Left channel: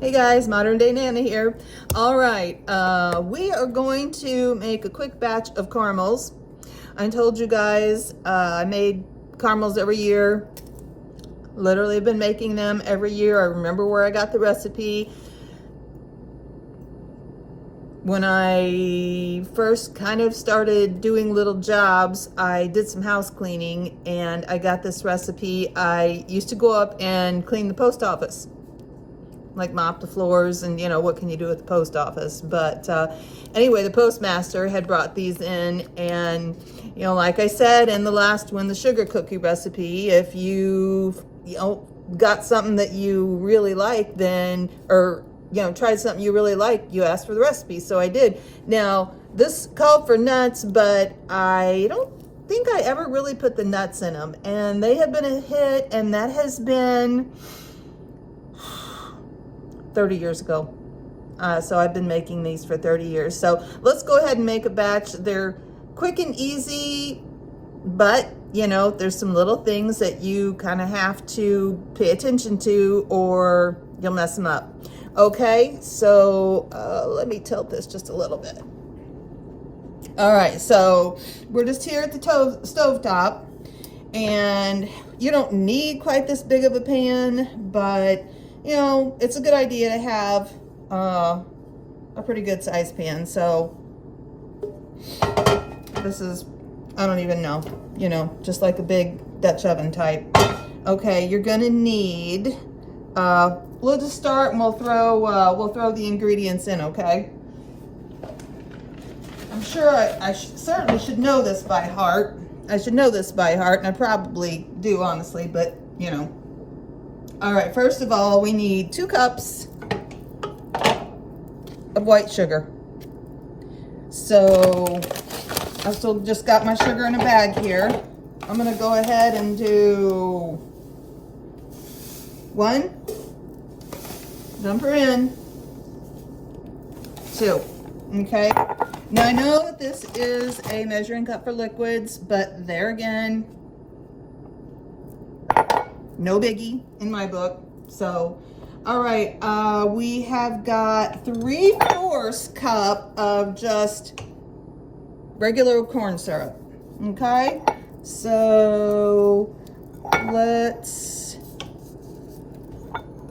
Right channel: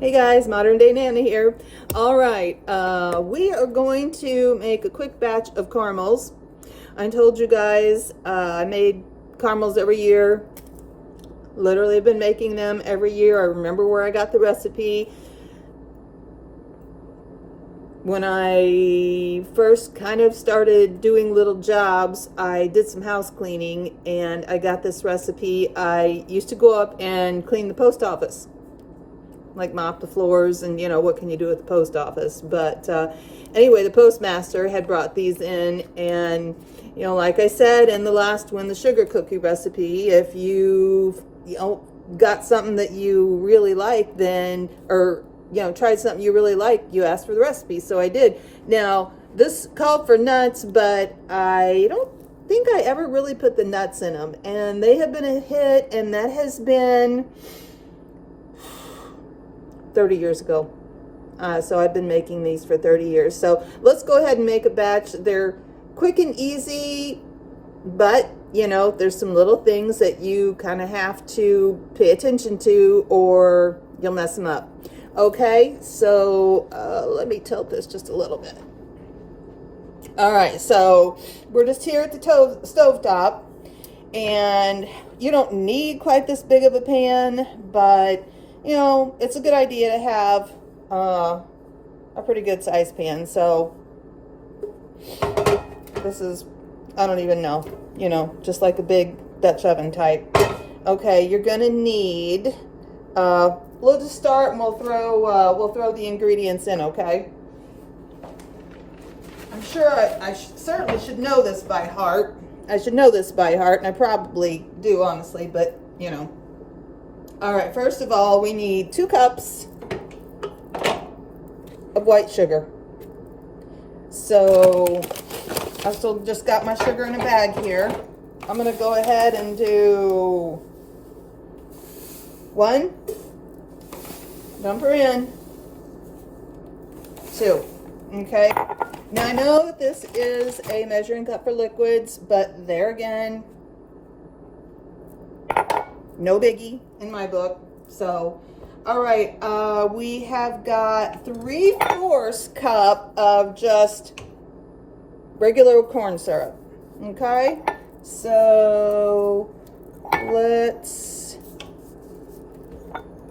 Hey guys, Modern Day Nana here. All right, we are going to make a quick batch of caramels. I told you guys I made caramels every year. Literally, I've been making them every year. I remember where I got the recipe. When I first kind of started doing little jobs, I did some house cleaning and I got this recipe. I used to go up and clean the post office, like mop the floors, and you know, what can you do at the post office? But anyway, the postmaster had brought these in, and you know, like I said in the last one, the sugar cookie recipe, if you got something that you really like, then, or you know, tried something you really like, you ask for the recipe. So I did. Now this called for nuts, but I don't think I ever really put the nuts in them, and they have been a hit, and that has been 30 years ago. So I've been making these for 30 years. So let's go ahead and make a batch. They're quick and easy, but you know, there's some little things that you kind of have to pay attention to or you'll mess them up. Okay, so let me tilt this just a little bit. All right, so we're just here at the stove top, and you don't need quite this big of a pan, but you know, it's a good idea to have a pretty good size pan. So this is, I don't even know, you know, just like a big Dutch oven type. Okay, you're gonna need, we'll just start and we'll throw the ingredients in, okay? I'm sure I certainly should know this by heart. I should know this by heart, and I probably do, honestly, but you know. All right, first of all, we need 2 cups of white sugar. So I still just got my sugar in a bag here. I'm gonna go ahead and do 1, dump her in, 2, okay? Now I know that this is a measuring cup for liquids, but there again, no biggie in my book. So, all right, we have got 3/4 cup of just regular corn syrup. Okay, so let's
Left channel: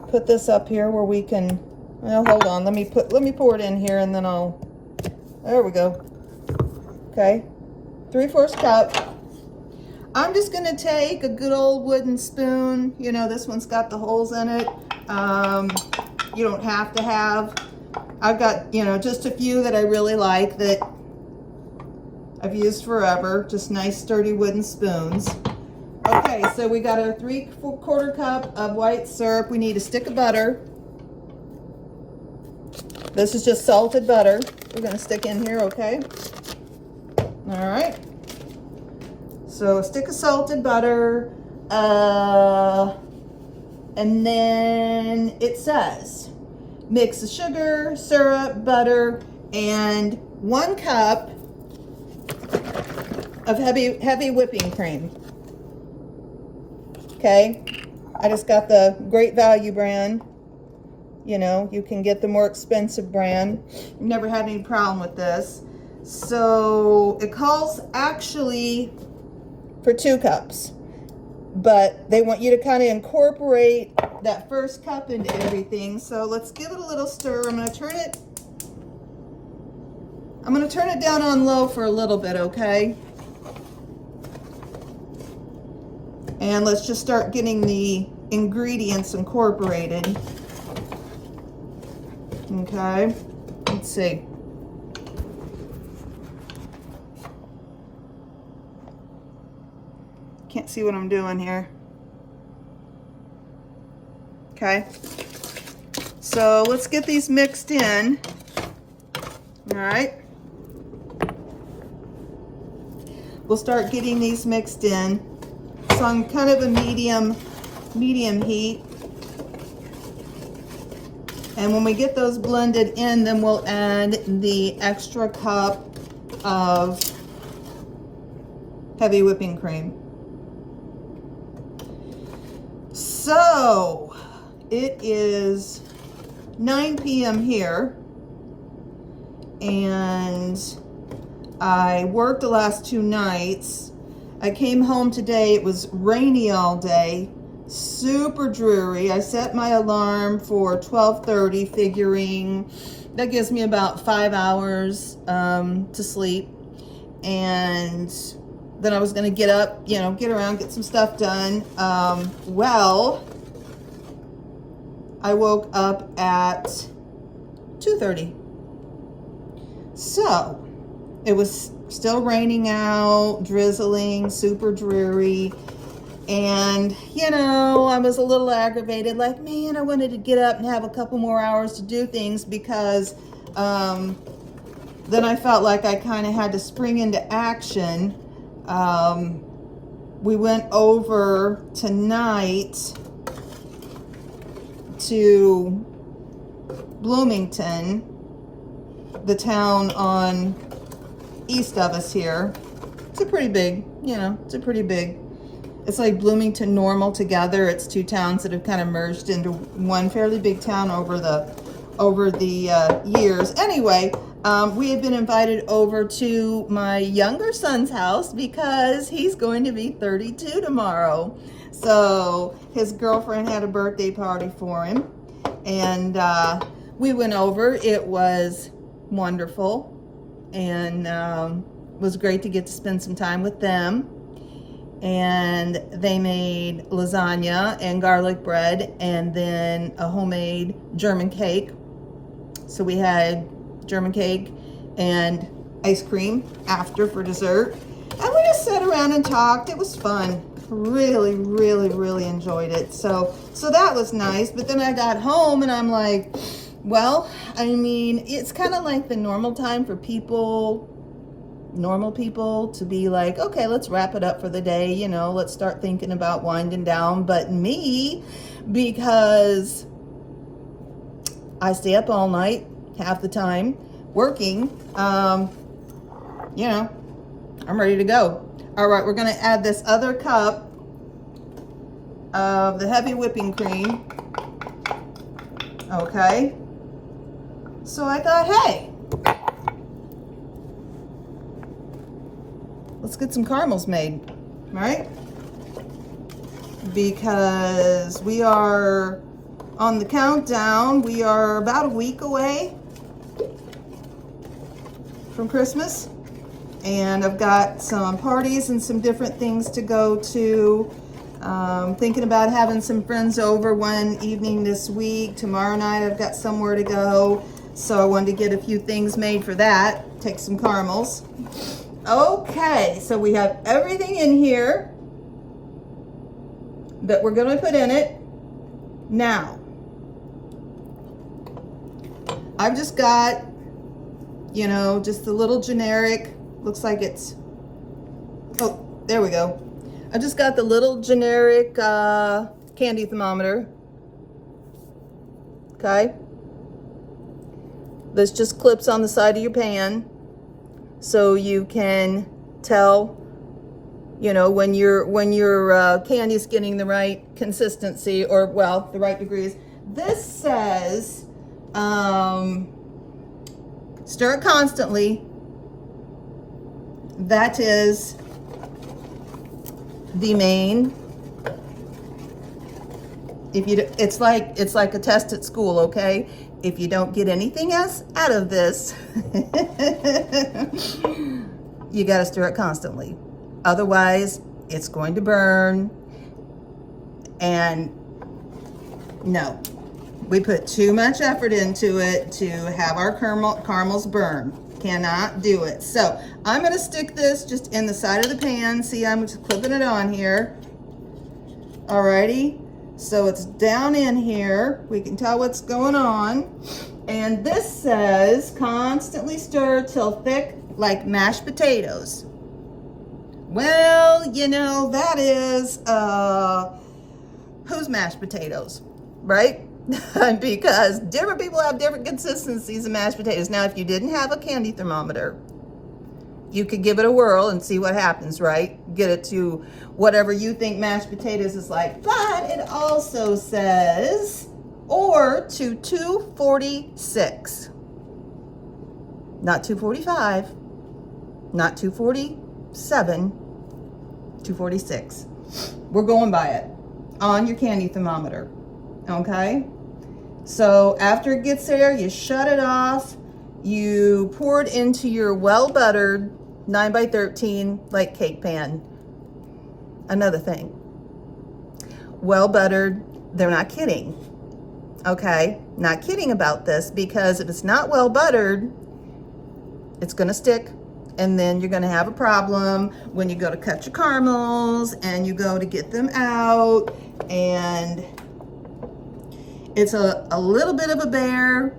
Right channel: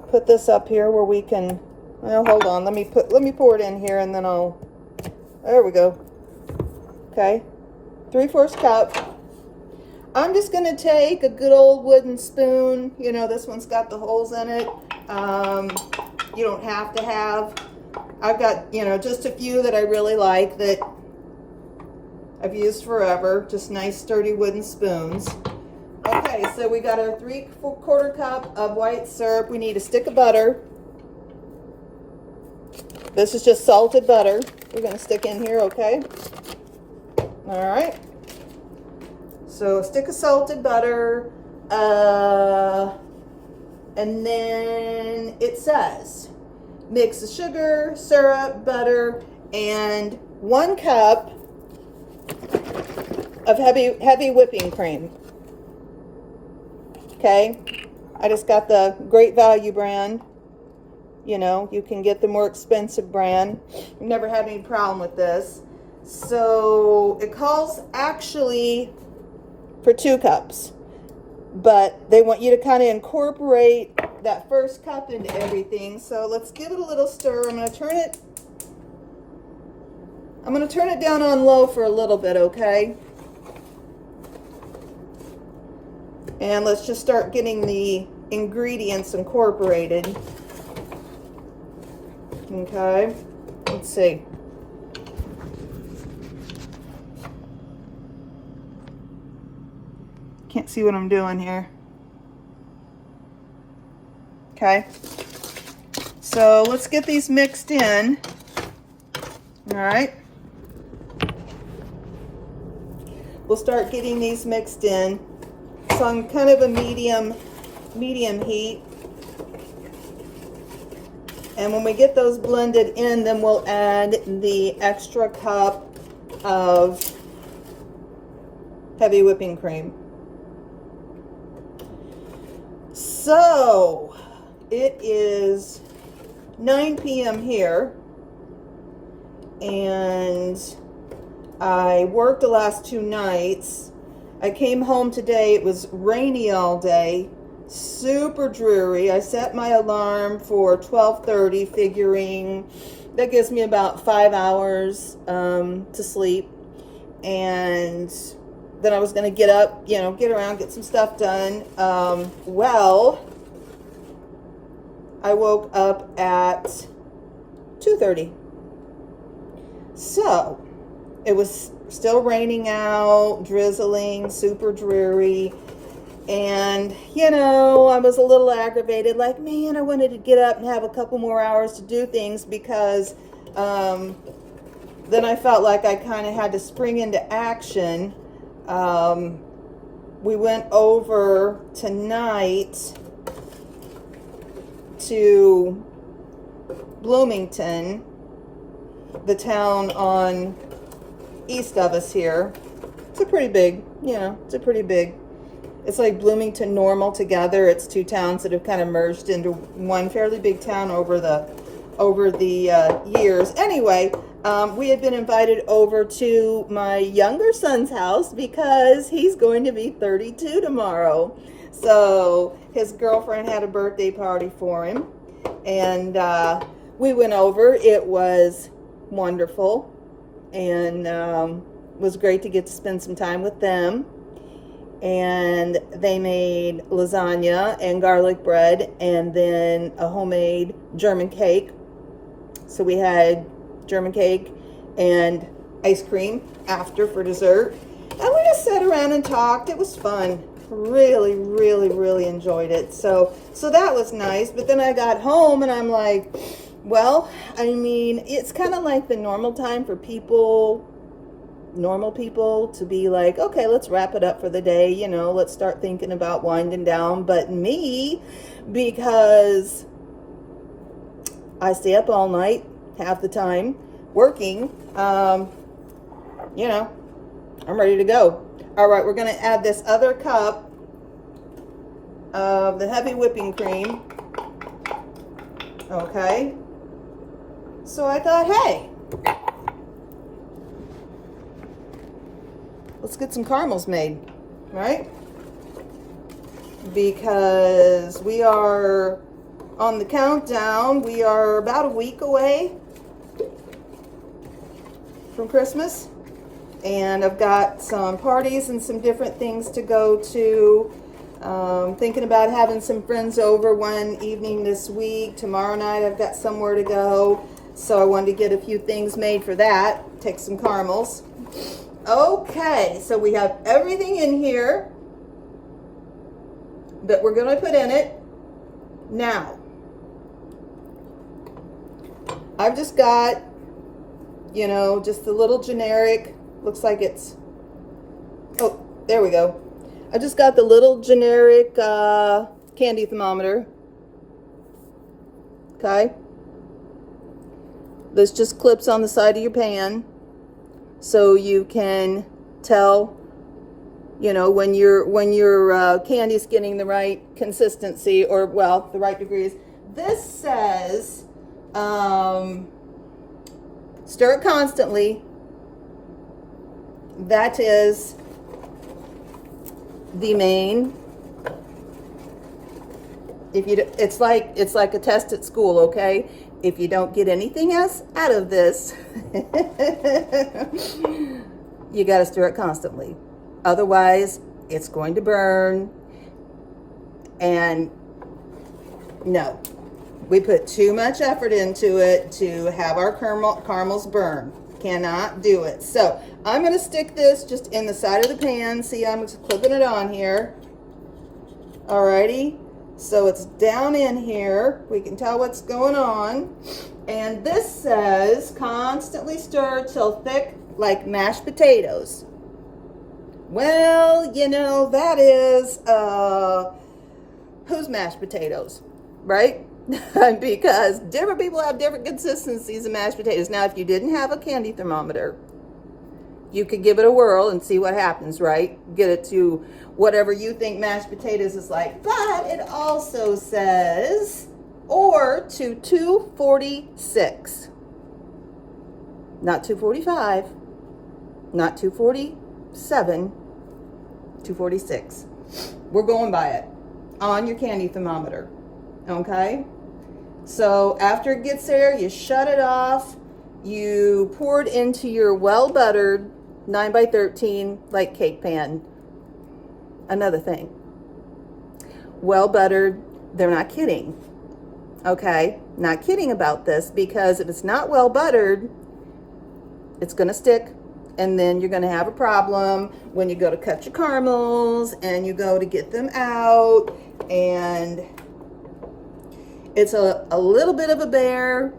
put this up here where we can. Well, hold on. Let me pour it in here, and then I'll. There we go. Okay, 3/4 cup. I'm just gonna take a good old wooden spoon. You know, this one's got the holes in it. You don't have to have. I've got, you know, just a few that I really like that I've used forever. Just nice sturdy wooden spoons. Okay, so we got our 3/4 cup of white syrup. We need a stick of butter. This is just salted butter. We're gonna stick in here, okay? All right. So a stick of salted butter, and then it says mix the sugar, syrup, butter, and 1 cup of heavy whipping cream. Okay, I just got the Great Value brand. You know, you can get the more expensive brand. Never had any problem with this. So it calls actually for 2 cups, but they want you to kind of incorporate that first cup into everything. So let's give it a little stir. I'm going to turn it down on low for a little bit, okay? And let's just start getting the ingredients incorporated. Okay, let's see. Can't see what I'm doing here. Okay, so let's get these mixed in. All right, we'll start getting these mixed in. So on kind of a medium heat. And when we get those blended in, then we'll add the extra cup of heavy whipping cream. So it is 9 p.m. here, and I worked the last 2 nights. I came home today. It was rainy all day, super dreary. I set my alarm for 12:30, figuring that gives me about 5 hours to sleep. And then I was going to get up, get around, get some stuff done. Well, I woke up at 2:30. So it was still raining out, drizzling, super dreary. And, I was a little aggravated, like, man, I wanted to get up and have a couple more hours to do things, because then I felt like I kind of had to spring into action. We went over tonight to Bloomington, the town on east of us here. It's a pretty big, it's like Bloomington, Normal together. It's 2 towns that have kind of merged into one fairly big town over the years. Anyway, we had been invited over to my younger son's house because he's going to be 32 tomorrow. So his girlfriend had a birthday party for him, and we went over. It was wonderful, and was great to get to spend some time with them. And they made lasagna and garlic bread, and then a homemade German cake. So we had German cake and ice cream after for dessert. And we just sat around and talked. It was fun. Really, really, really enjoyed it. So that was nice. But then I got home and I'm like, well, it's kind of like the normal time for normal people to be like, okay, let's wrap it up for the day. Let's start thinking about winding down. But me, because I stay up all night, half the time, working, I'm ready to go. All right, we're going to add this other cup of the heavy whipping cream. Okay. So I thought, hey, let's get some caramels made, right? Because we are on the countdown. We are about a week away from Christmas, and I've got some parties and some different things to go to. Thinking about having some friends over one evening this week. Tomorrow night I've got somewhere to go, so I wanted to get a few things made for that. Take some caramels. Okay, so we have everything in here that we're going to put in it. Now, I've just got, just a little generic, looks like it's, oh, there we go. I just got the little generic candy thermometer. Okay. This just clips on the side of your pan, so you can tell, when your candy's getting the right consistency, or, well, the right degrees. This says, stir it constantly. That is the main. It's like a test at school, okay? If you don't get anything else out of this, you got to stir it constantly. Otherwise, it's going to burn. And no, we put too much effort into it to have our caramels burn. Cannot do it. So I'm going to stick this just in the side of the pan. See, I'm just clipping it on here. Alrighty. So it's down in here. We can tell what's going on. And this says constantly stir till thick like mashed potatoes. Well, that is who's mashed potatoes, right? Because different people have different consistencies of mashed potatoes. Now, if you didn't have a candy thermometer, you could give it a whirl and see what happens, right? Get it to whatever you think mashed potatoes is like. But it also says or to 246. Not 245, not 247, 246. We're going by it on your candy thermometer, okay? So after it gets there, you shut it off. You pour it into your well-buttered 9x13 like cake pan. Another thing, well-buttered, they're not kidding, okay? Not kidding about this, because if it's not well-buttered, it's gonna stick, and then you're gonna have a problem when you go to cut your caramels and you go to get them out, and it's a little bit of a bear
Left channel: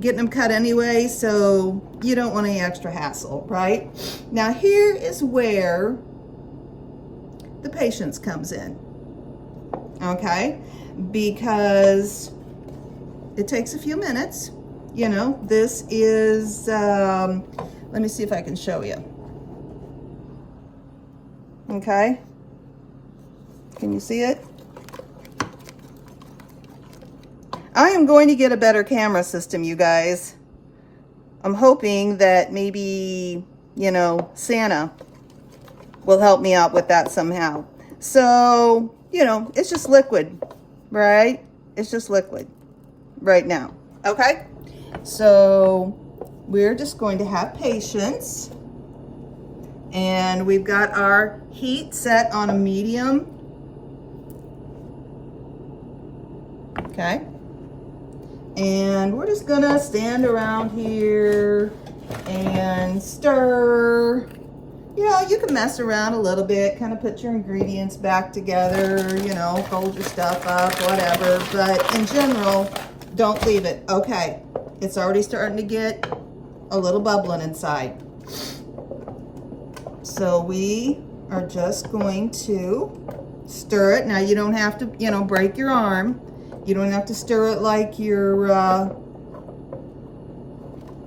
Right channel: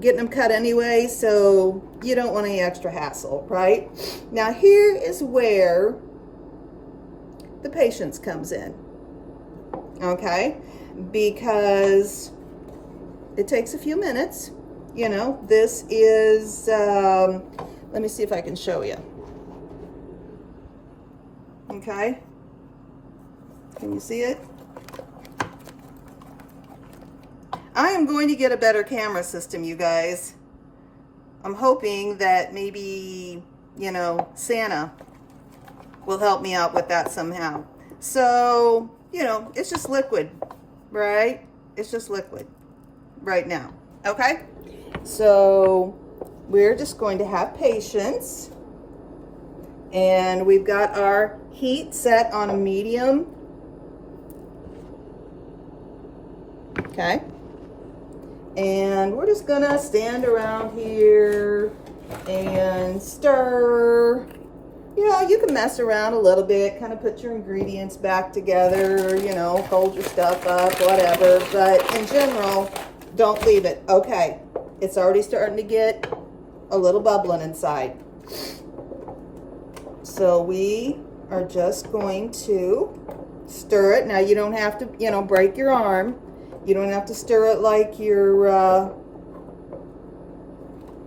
getting them cut anyway, so you don't want any extra hassle, right? Now here is where the patience comes in, okay? Because it takes a few minutes. You know, this is, let me see if I can show you. Okay. Can you see it? I am going to get a better camera system, you guys. I'm hoping that maybe, you know, Santa will help me out with that somehow. So, you know, it's just liquid, right? It's just liquid right now, okay? So we're just going to have patience, and we've got our heat set on a medium, okay? And we're just gonna stand around here and stir. You know, you can mess around a little bit, kind of put your ingredients back together, you know, fold your stuff up, whatever, but in general, don't leave it. Okay, it's already starting to get a little bubbling inside. So we are just going to stir it. Now you don't have to, you know, break your arm. You don't have to stir it like you're,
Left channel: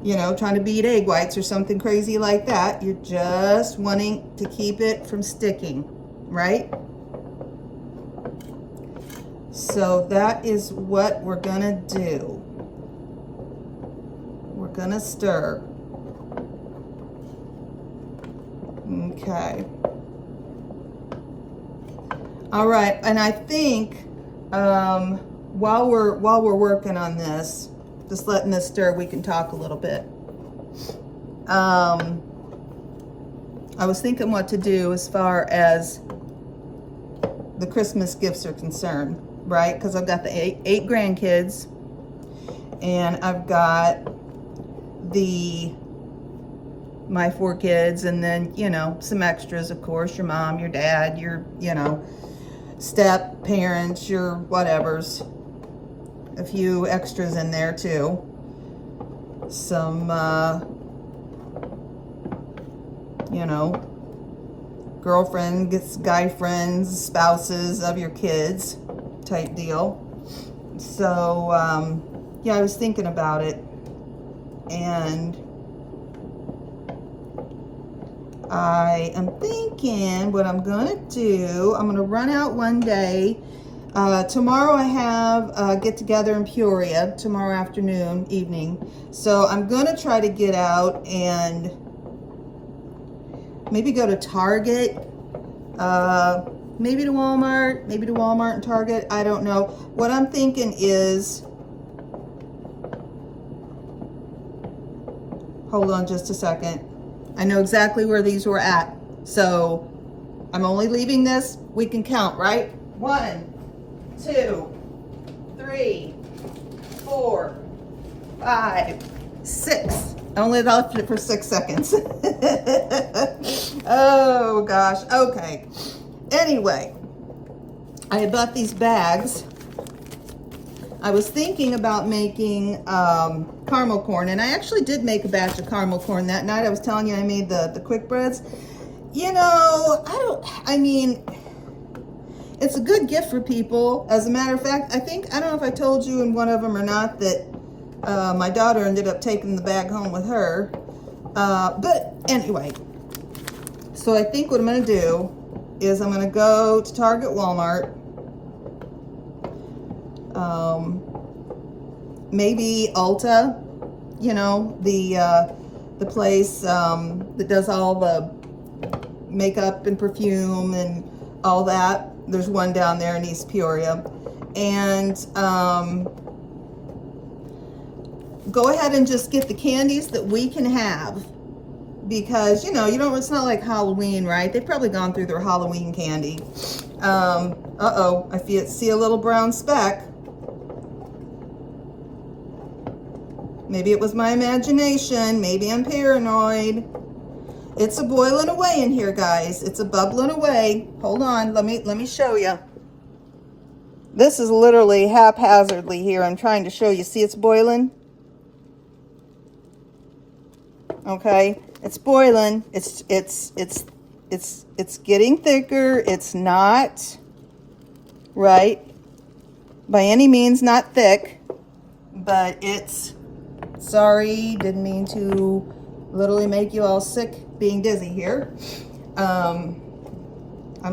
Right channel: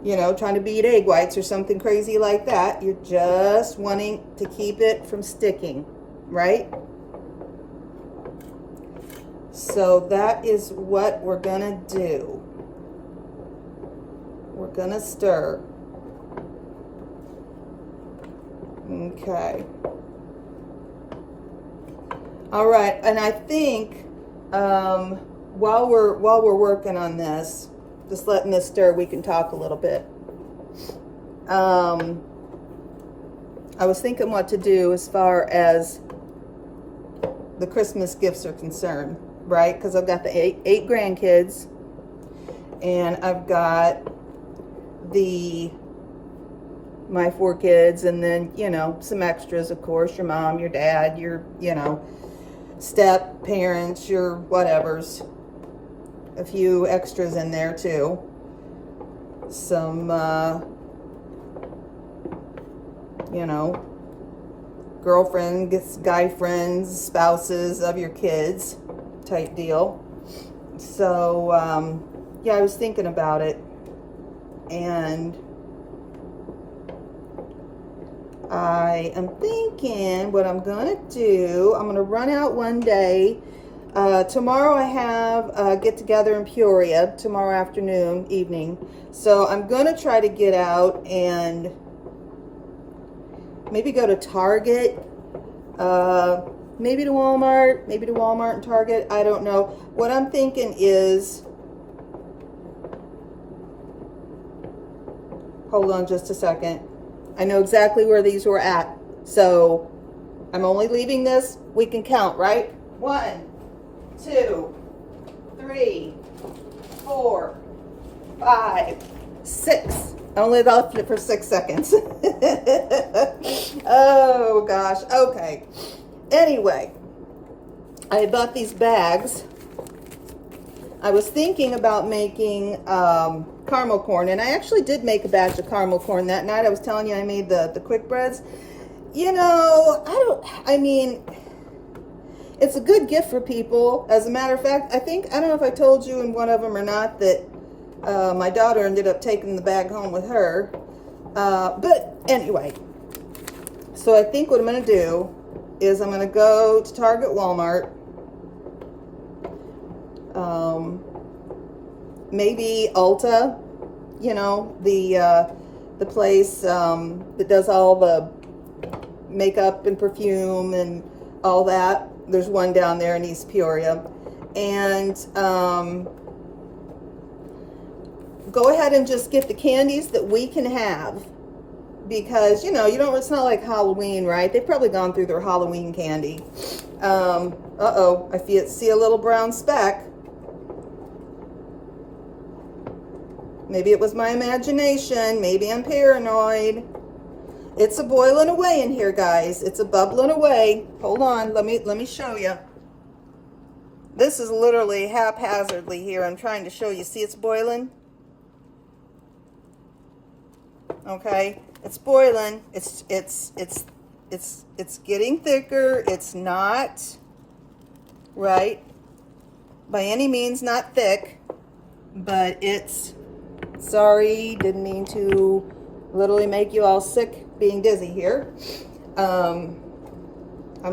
you know, trying to beat egg whites or something crazy like that. You're just wanting to keep it from sticking, right? So that is what we're gonna do. We're gonna stir. Okay. All right, and I think while we're working on this, just letting this stir, we can talk a little bit. I was thinking what to do as far as the Christmas gifts are concerned, right? Because I've got the eight grandkids, and I've got my 4 kids, and then, you know, some extras, of course, your mom, your dad, your, you know, step parents, your whatevers, a few extras in there too, some you know, girlfriends, guy friends, spouses of your kids type deal. So yeah, I was thinking about it, and I am thinking what I'm gonna do, I'm gonna run out one day. Tomorrow I have a get together in Peoria, tomorrow afternoon, evening. So I'm gonna try to get out and maybe go to Target, maybe to Walmart, and Target, I don't know. What I'm thinking is, hold on just a second. I know exactly where these were at. So I'm only leaving this, we can count, right? 1, 2, 3, 4, 5, 6. I only left it for 6 seconds. Oh gosh, okay. Anyway, I bought these bags. I was thinking about making caramel corn, and I actually did make a batch of caramel corn that night. I was telling you I made the quick breads. You know, I mean, it's a good gift for people. As a matter of fact, I don't know if I told you in one of them or not, that my daughter ended up taking the bag home with her. But anyway, so I think what I'm going to do is I'm going to go to Target, Walmart, maybe Ulta, you know, the place that does all the makeup and perfume and all that. There's one down there in East Peoria. And go ahead and just get the candies that we can have, because, you know, it's not like Halloween, right? They've probably gone through their Halloween candy. Uh-oh, I see a little brown speck. Maybe it was my imagination. Maybe I'm paranoid. It's a boiling away in here, guys. It's a bubbling away. Hold on, let me show you. This is literally haphazardly here. I'm trying to show you. See, it's boiling. Okay, it's boiling. It's getting thicker. It's not, right, by any means not thick, but it's, sorry, didn't mean to literally make you all sick being dizzy here. I'm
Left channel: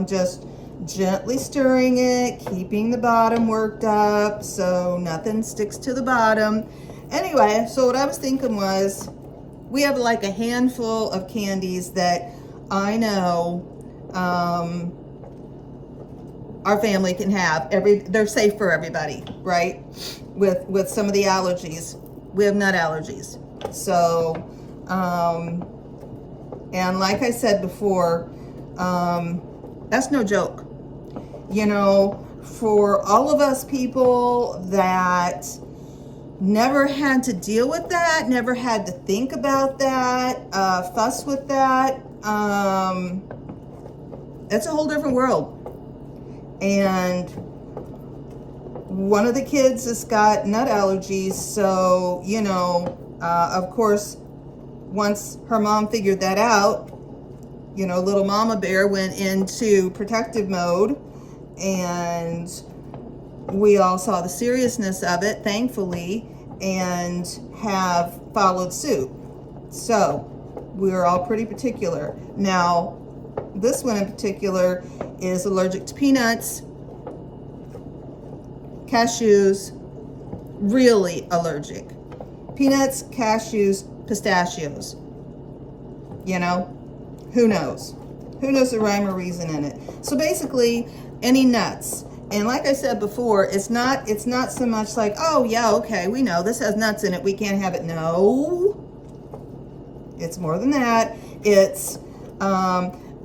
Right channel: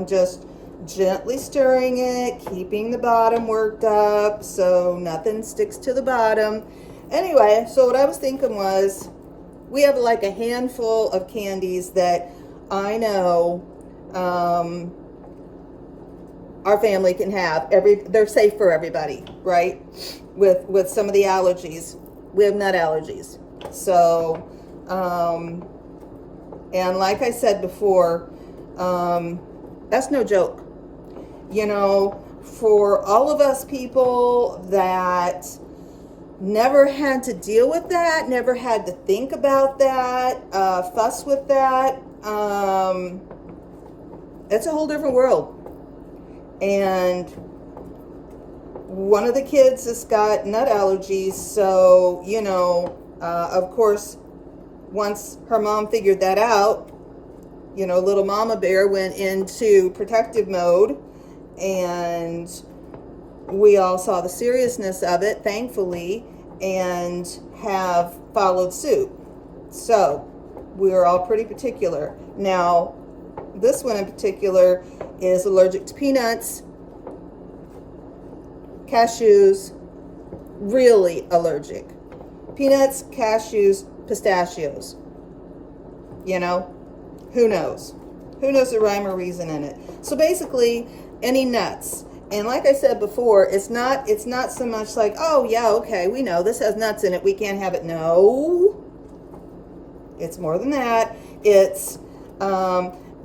just gently stirring it, keeping the bottom worked up so nothing sticks to the bottom. Anyway, so what I was thinking was, we have like a handful of candies that I know our family can have. They're safe for everybody, right? With some of the allergies. We have nut allergies. So, and like I said before, that's no joke. You know, for all of us people that never had to deal with that, never had to think about that, fuss with that, it's a whole different world. And one of the kids has got nut allergies, so, you know, of course, once her mom figured that out, you know, little mama bear went into protective mode, and we all saw the seriousness of it, thankfully, and have followed suit. So we're all pretty particular. Now, this one in particular is allergic to peanuts, cashews, really allergic. Peanuts, cashews, pistachios. You know, who knows? Who knows the rhyme or reason in it? So basically, any nuts. And like I said before, it's not so much like, oh yeah, okay, we know this has nuts in it, we can't have it. No, it's more than that. It's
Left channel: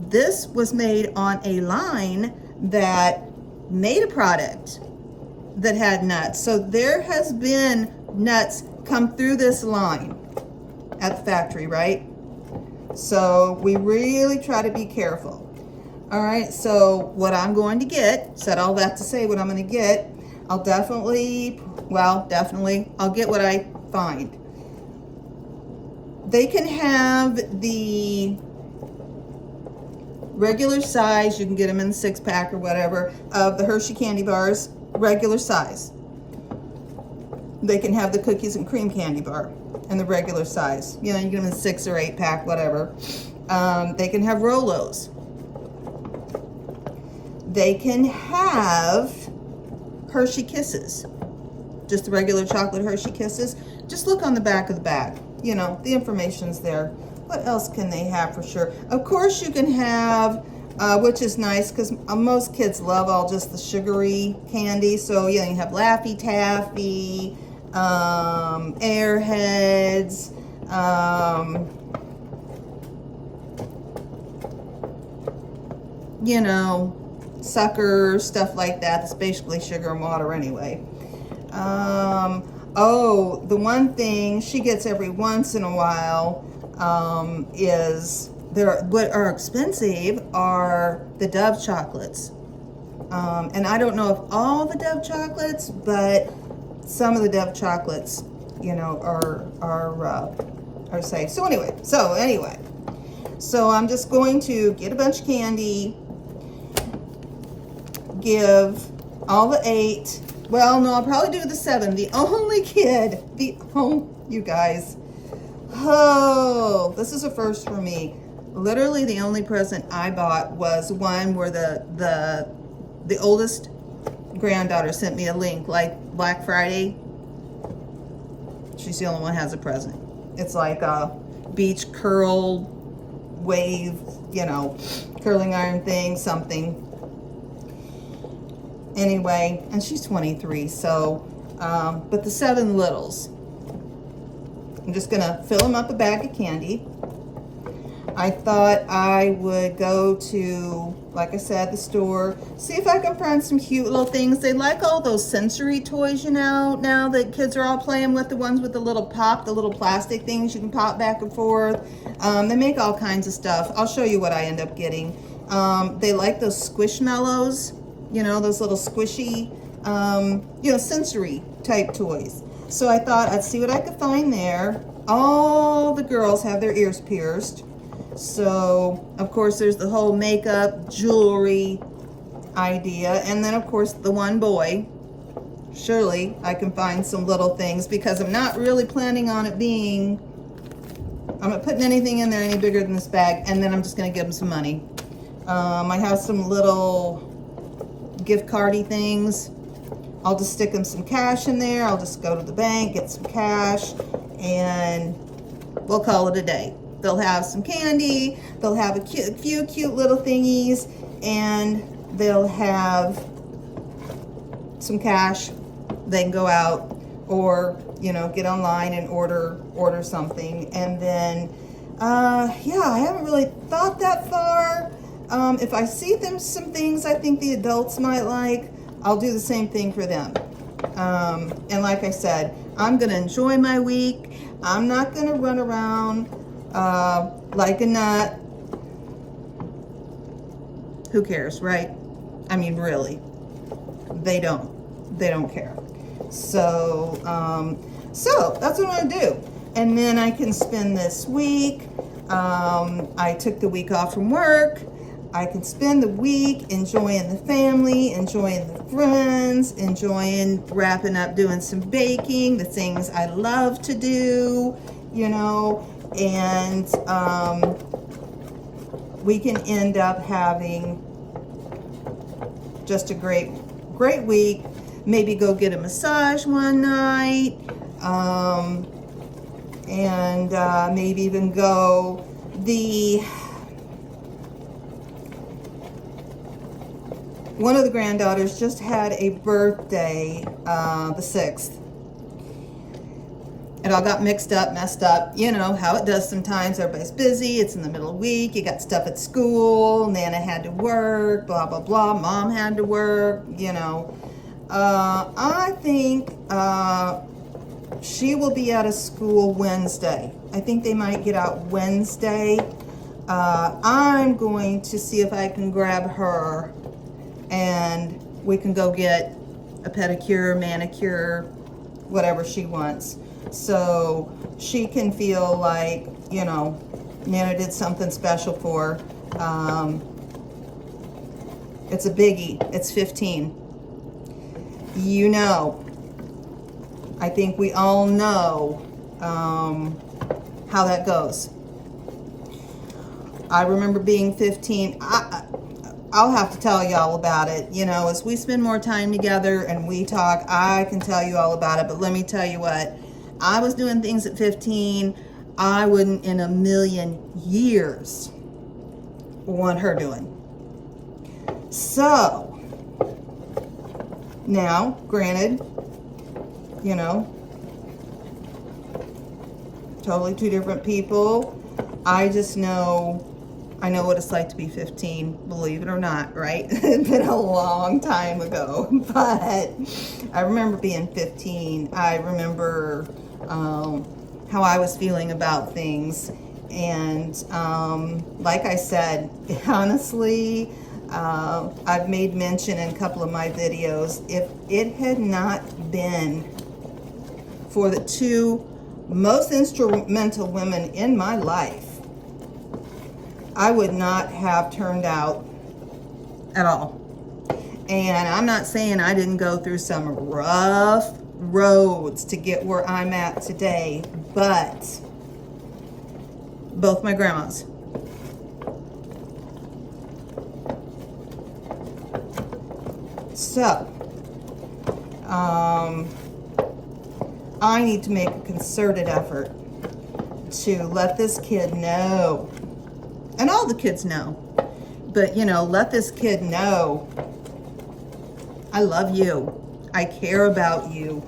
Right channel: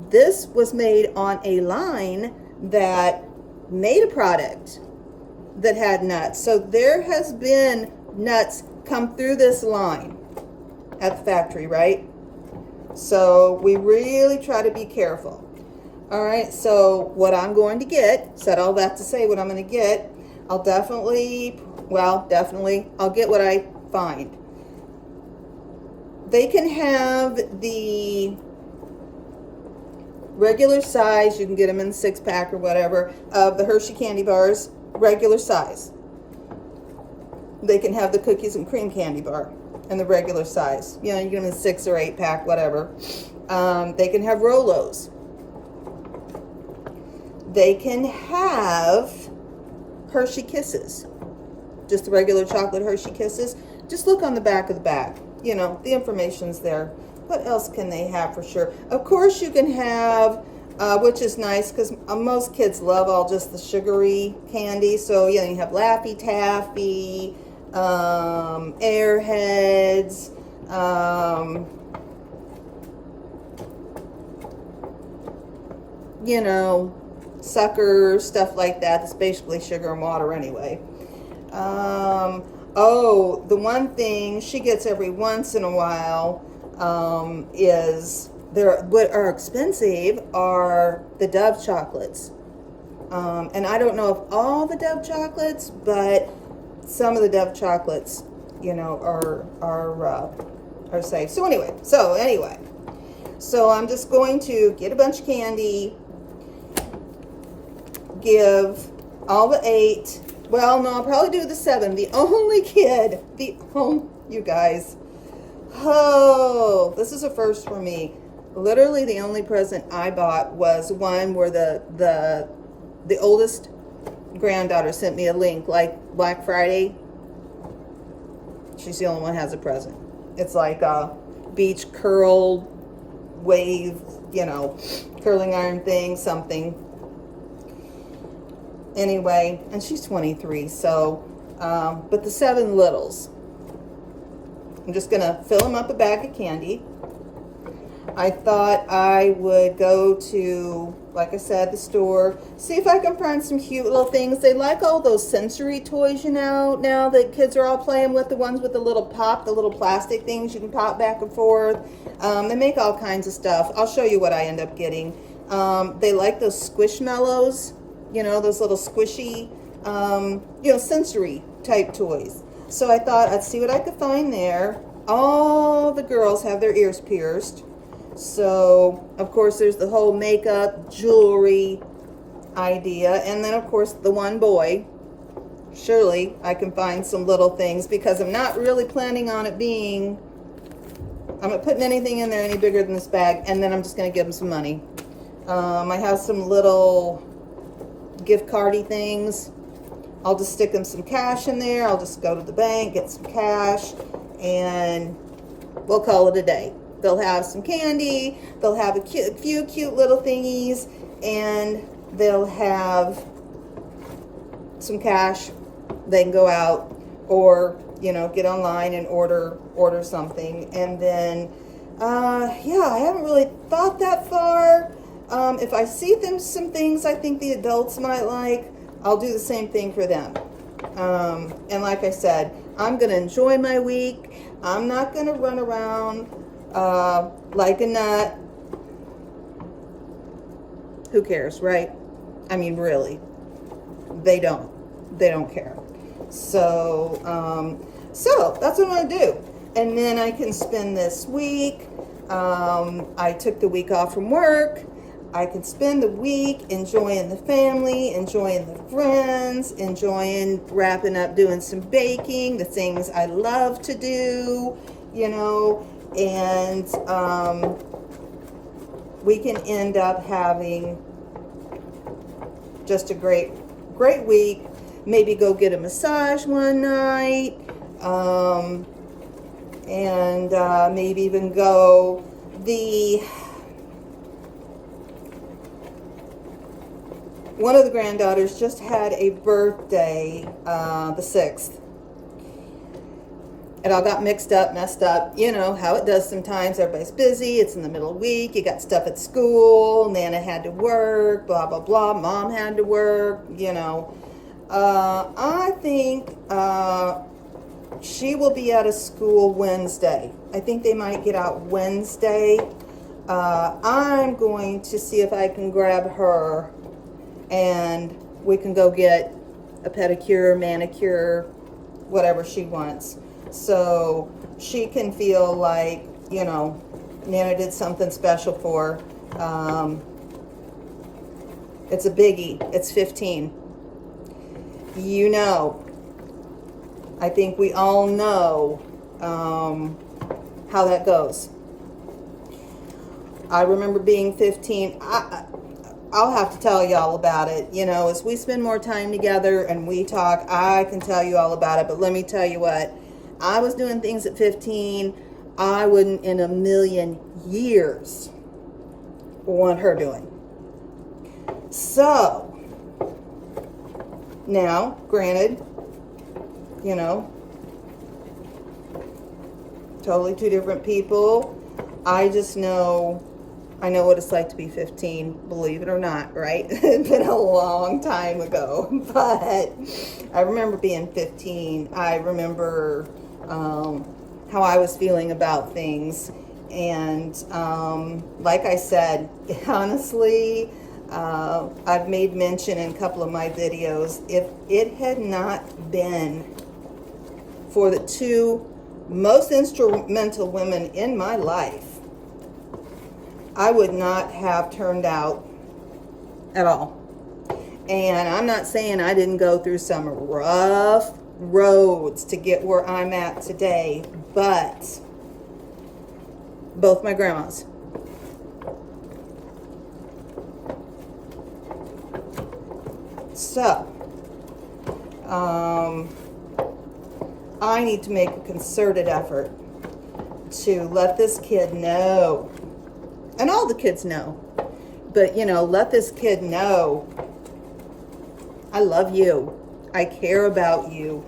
this was made on a line that made a product that had nuts. So there has been nuts come through this line at the factory, right? So we really try to be careful. All right, so what I'm going to get, said all that to say what I'm going to get, I'll definitely, I'll get what I find. They can have the regular size, you can get them in the 6-pack or whatever, of the Hershey candy bars, regular size. They can have the cookies and cream candy bar in the regular size. You know, you get them in 6 or 8-pack, whatever. They can have Rolos. They can have Hershey Kisses, just the regular chocolate Hershey Kisses. Just look on the back of the bag. You know, the information's there. What else can they have for sure? Of course, you can have, which is nice because most kids love all just the sugary candy. So, yeah, you have Laffy Taffy, Airheads, you know, Suckers, stuff like that. That's basically sugar and water anyway. Oh, the one thing she gets every once in a while is what are expensive are the Dove chocolates. And I don't know if all the Dove chocolates, but some of the Dove chocolates, you know, are safe. So anyway, so I'm just going to get a bunch of candy, give all the 8. Well, no, I'll probably do the 7. The only kid, you guys. Oh, this is a first for me. Literally the only present I bought was one where the oldest granddaughter sent me a link, like Black Friday. She's the only one who has a present. It's like a beach curl wave, you know, curling iron thing, something. Anyway, and she's 23, so, but the 7 littles, I'm just gonna fill them up a bag of candy. I thought I would go to, like I said, the store, see if I can find some cute little things. They like all those sensory toys, you know, now that kids are all playing with, the ones with the little pop, the little plastic things you can pop back and forth. They make all kinds of stuff. I'll show you what I end up getting. They like those Squishmallows, you know, those little squishy, you know, sensory type toys. So I thought I'd see what I could find there. All the girls have their ears pierced. So, of course, there's the whole makeup, jewelry idea. And then, of course, the one boy. Surely I can find some little things because I'm not really planning on it being, I'm not putting anything in there any bigger than this bag. And then I'm just going to give him some money. I have some little gift cardy things. I'll just stick them some cash in there. I'll just go to the bank, get some cash, and we'll call it a day. They'll have some candy, they'll have a few cute little thingies, and they'll have some cash. They can go out or, you know, get online and order something. And then, yeah, I haven't really thought that far. If I see some things I think the adults might like, I'll do the same thing for them. And like I said, I'm going to enjoy my week. I'm not going to run around like a nut. Who cares, right? I mean, really, they don't care. So, so that's what I'm going to do. And then I can spend this week. I took the week off from work. I can spend the week enjoying the family, enjoying the friends, enjoying wrapping up, doing some baking, the things I love to do, you know, and we can end up having just a great week. Maybe go get a massage one night, and maybe even go one of the granddaughters just had a birthday, the 6th. It all got messed up. You know how it does sometimes. Everybody's busy. It's in the middle of the week. You got stuff at school. Nana had to work, blah, blah, blah. Mom had to work, you know. I think she will be out of school Wednesday. I think they might get out Wednesday. I'm going to see if I can grab her and we can go get a pedicure, manicure, whatever she wants. So she can feel like, you know, Nana did something special for her. It's a biggie. It's 15. You know, I think we all know how that goes. I remember being 15. I'll have to tell y'all about it. You know, as we spend more time together and we talk, I can tell you all about it. But let me tell you what, I was doing things at 15 I wouldn't in a million years want her doing. So, now, granted, you know, totally two different people. I just know, I know what it's like to be 15, believe it or not, right? It's been a long time ago, but I remember being 15. I remember how I was feeling about things. And like I said, honestly, I've made mention in a couple of my videos, if it had not been for the two most instrumental women in my life, I would not have turned out at all. And I'm not saying I didn't go through some rough roads to get where I'm at today, but both my grandmas. So, I need to make a concerted effort to let this kid know, and all the kids know, but you know, let this kid know, I love you. I care about you.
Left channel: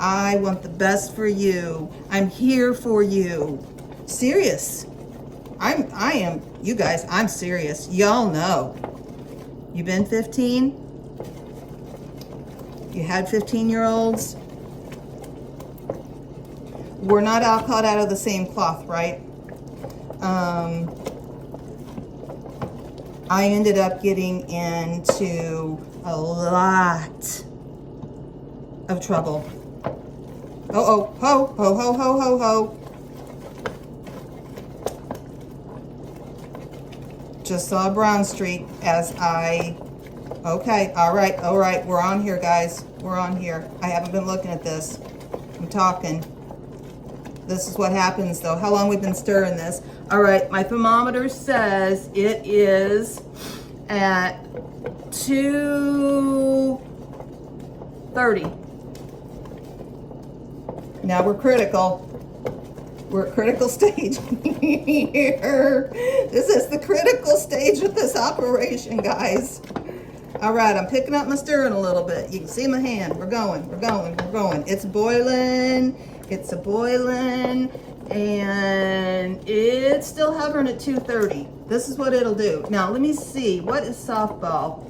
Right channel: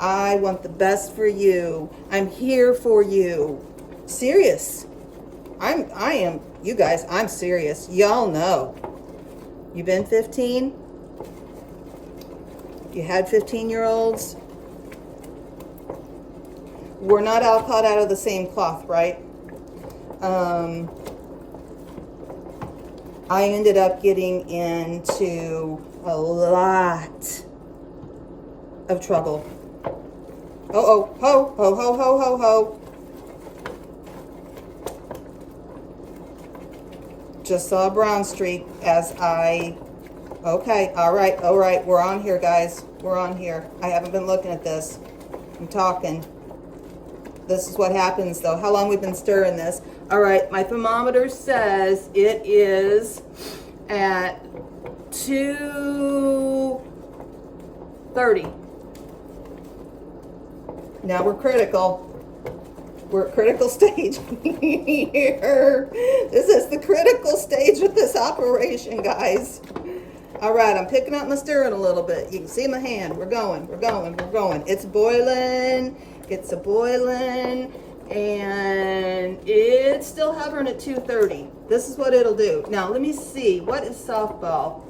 I want the best for you. I'm here for you. Serious. I am, you guys, I'm serious. Y'all know. You been 15? You had 15-year-olds? We're not all cut out of the same cloth, right? I ended up getting into a lot of trouble. Oh, ho, ho, ho, ho, ho, ho. Just saw a brown streak as I, okay, all right, we're on here, guys. We're on here. I haven't been looking at this. I'm talking. This is what happens, though. How long we've been stirring this. All right, my thermometer says it is at 230. Now we're critical. We're at critical stage here. This is the critical stage of this operation, guys. All right, I'm picking up my stirring a little bit. You can see my hand. We're going, we're going, we're going. It's boiling. It's a boiling. And it's still hovering at 230. This is what it'll do. Now, let me see. What is softball?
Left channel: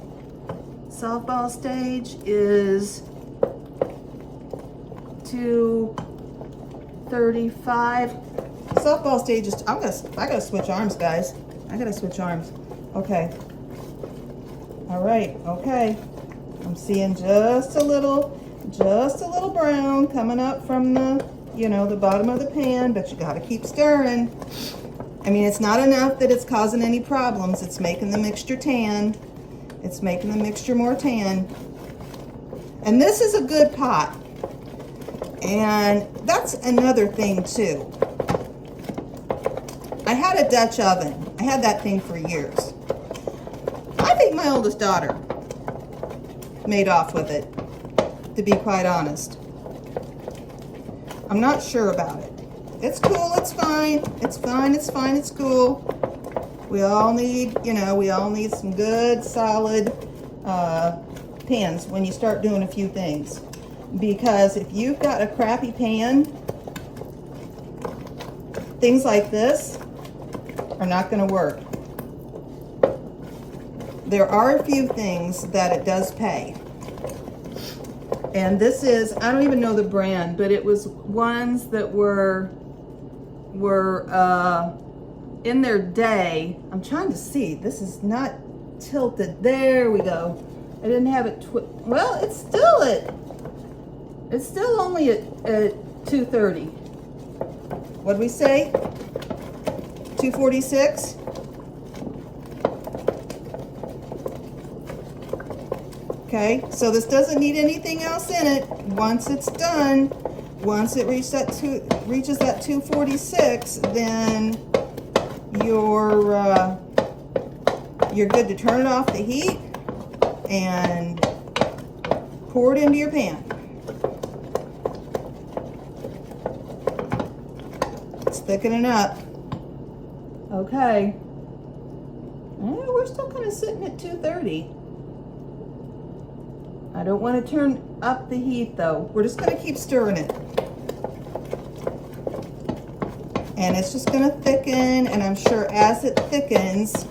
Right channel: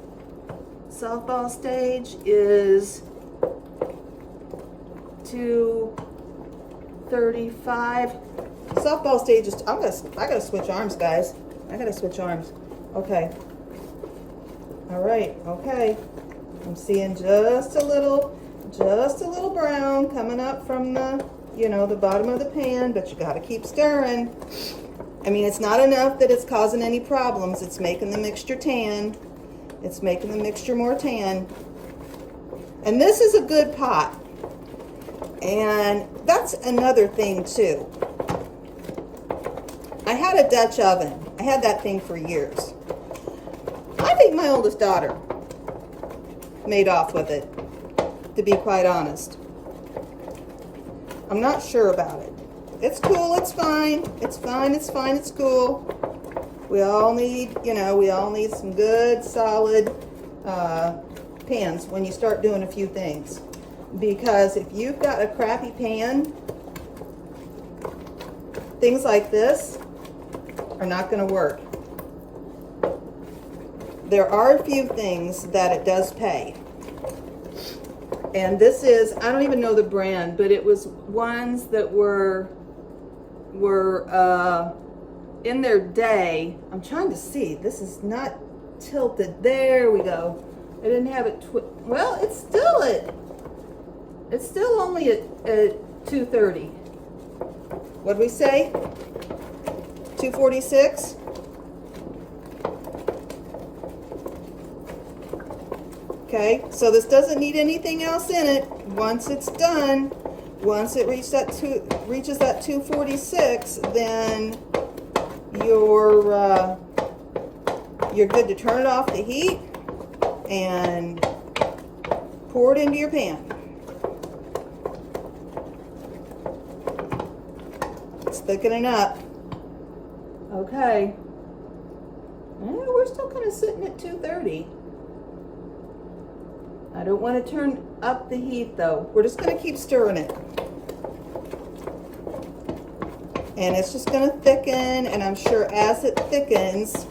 Softball stage is 235. Softball stage is, I gotta switch arms, guys. I gotta switch arms. Okay. All right, okay. I'm seeing just a little brown coming up from the, you know, the bottom of the pan, but you gotta keep stirring. I mean, it's not enough that it's causing any problems. It's making the mixture tan. It's making the mixture more tan. And this is a good pot. And that's another thing too. I had a Dutch oven. I had that thing for years. I think my oldest daughter made off with it, to be quite honest. I'm not sure about it. It's cool, it's fine. It's fine, it's fine, it's cool. We all need, you know, we all need some good, solid pans when you start doing a few things. Because if you've got a crappy pan, things like this are not going to work. There are a few things that it does pay. And this is, I don't even know the brand, but it was ones that were in their day. I'm trying to see. This is not tilted. There we go. I didn't have it. Well, it's still only at 230. What'd we say? 246? Okay, so this doesn't need anything else in it. Once it's done, once it reaches that 246, then you're good to turn it off the heat and pour it into your pan. It's thickening up. Okay. We're still kind of sitting at 230. I don't want to turn up the heat though. We're just going to keep stirring it. And it's just going to thicken, and I'm sure as it thickens,